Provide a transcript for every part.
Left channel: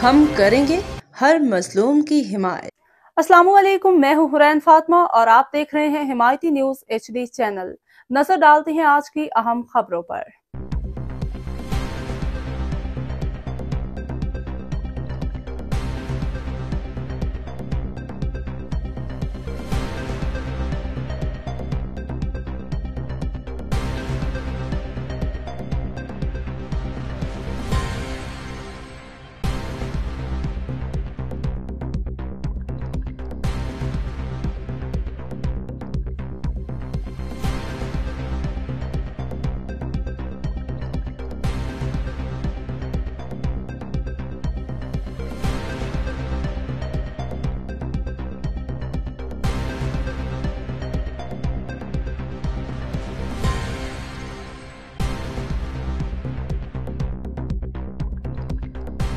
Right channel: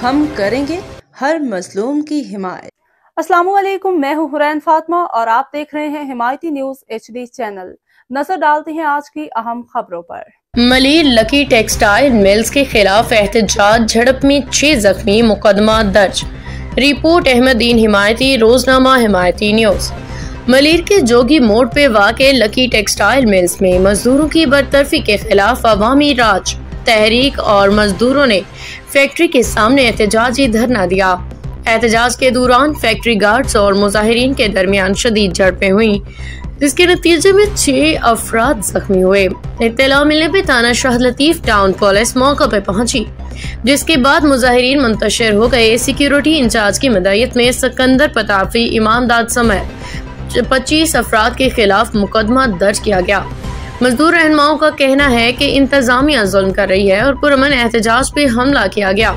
हम करेंगे हर मजलूम की हिमायत। अस्सलामुअलैकुम, मैं हूं हुरैन फातिमा और आप देख रहे हैं हिमायती न्यूज HD चैनल। नजर डालते हैं आज की अहम खबरों पर। मलिर लकी टेक्सटाइल मिल्स के खिलाफ एहतजाज, झड़प में 6 जख्मी, मुकदमा दर्ज। रिपोर्ट अहमदीन हिमायती, रोजनामा हिमायती न्यूज। मलिर के जोगी मोड़ पे वाक़े लकी टेक्सटाइल मिल्स में मजदूरों की बरतरफी के खिलाफ अवामी राज तहरीक और मजदूरों ने फैक्ट्री के सामने एहतजाजी धरना दिया। एहतजाज के दौरान फैक्ट्री गार्ड्स और मुजाहिरीन के दरमियान शदीद झड़पें हुई, जिसके नतीजे में 6 अफराद जख्मी हुए। इत्तला मिलने पर थाना शाह लतीफ टाउन पुलिस मौके पर पहुंची, जिसके बाद मुजाहिरीन मुंतशिर हो गए। सिक्योरिटी इंचार्ज की मदईयत में सिकंदर पताफी, इमामदाद समेत 25 अफराद के खिलाफ मुकदमा दर्ज किया गया। मजदूर रहनुमाओं का कहना है कि इंतजामिया जुल्म कर रही है और पुरअमन एहतजाज पे हमला किया गया।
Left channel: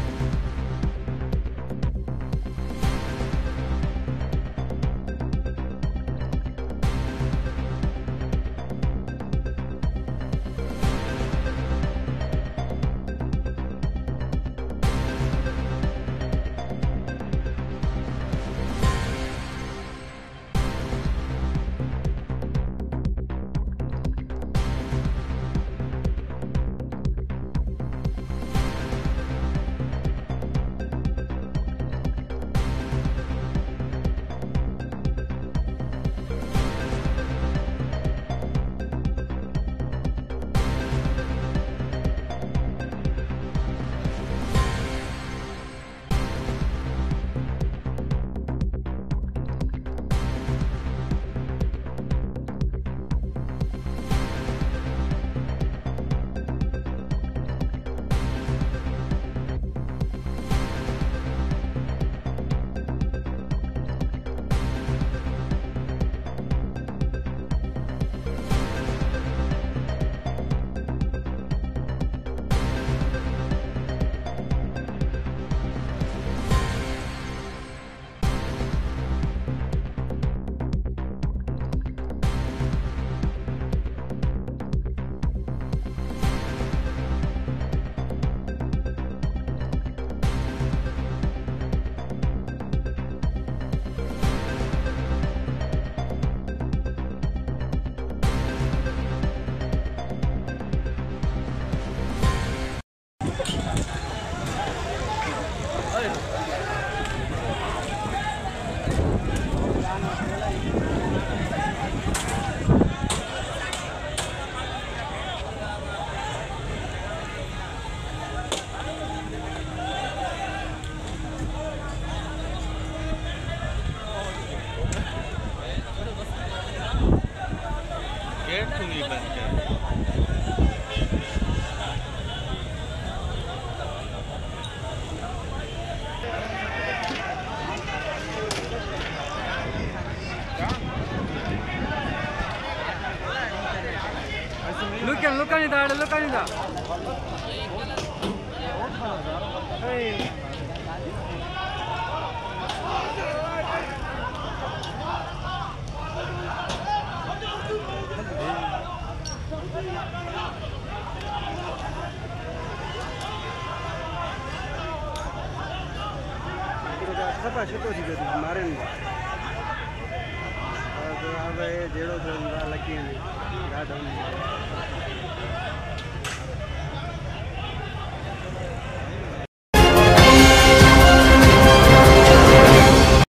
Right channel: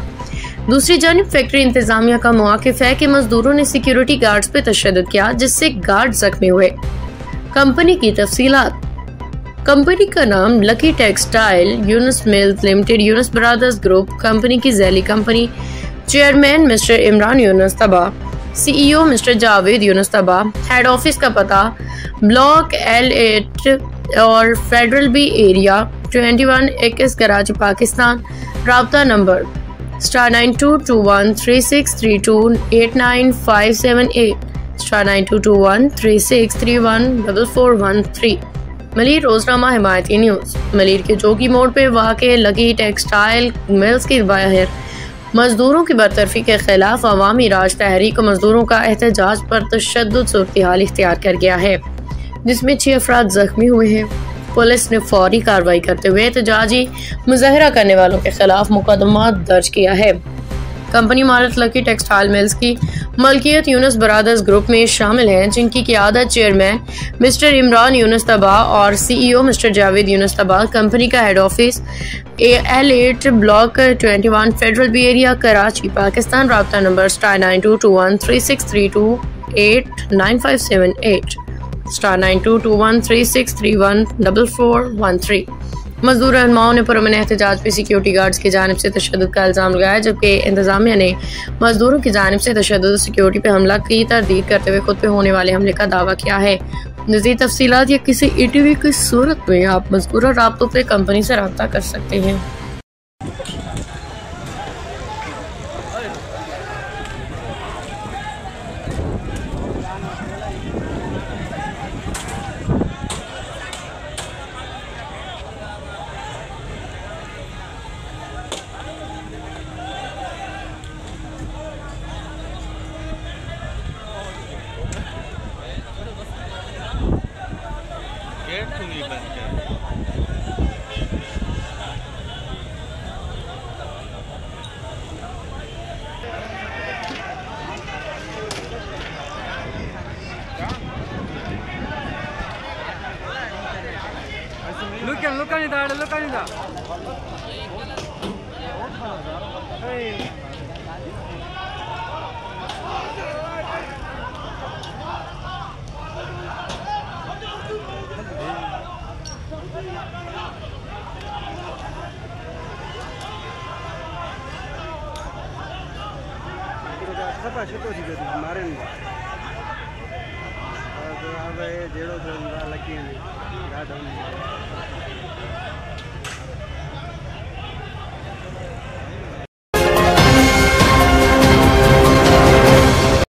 दूसरी जानिब फैक्ट्री इंतजामिया का मौक़िफ है कि मजदूरों ने सिक्योरिटी गार्ड्स पे तशद्दुद किया, जिससे गार्ड जख्मी हुए। कंपनी की तफसीलात। कंपनी का नाम Lucky textile Yunus mills limited, Yunus brothers group company की झैली कंपनी। चेयरमैन मिस्टर इमरान यूनुस तबा, CEO मिस्टर जावेद यूनुस तबा। हेड ऑफिस का पता ब्लॉक L8 और federal B area 21 Karachi Pakistan. राब्ता नंबर *922136328958 *922136314413। मलिर रोजनामा हिमायती न्यूज। मलिर के जोगी मोड़ पे वाक़े लकी टेक्सटाइल मिल्स की बाहर मजदूरों की बरतरफी के खिलाफ अवामी राज तहरीक मजदूरों का एहतजाज पर तशद्दुद सूरत-ए-हाल इख्तियार कर गया है, जिसमें 6 अफराद जख्मी हुए हैं। पुलिस ने फौरी कार्रवाई करते हुए एहतजाजी मुजाहरा करने वालों के खिलाफ मुकदमा दर्ज किया है। कंपनी मालिक लकी टेक्सटाइल मिल्स की मलकियत यूनुस ब्रदर्स ग्रुप में शामिल हैं, जिनकी क़ियादत चेयरमैन मिस्टर इमरान यूनुस तबा और CEO mister Javed Younus Tabba. Company का head office L8 block 21 federal B area Karachi Pakistan. राब्ता नंबर *922136328958 *922136314413। मजदूर रहनुमाओं ने पुरअमन एहतजाज पे सिक्योरिटी गार्ड्स की जानिब से तशद्दुद का इल्ज़ाम लगाया, जबकि इंतजामिया ने मजदूरों की जानिब से तशद्दुद सिक्योरिटी पे हमला की तरदीद करते हुए खुद पे होने वाले हमले का दावा किया है। मज़ीद तफसीलात या किसी ETV की सूरत में आप मज़कूरा राब्तों पे कंपनी से रब्ता कर सकते हैं। अब जेड़ो लकी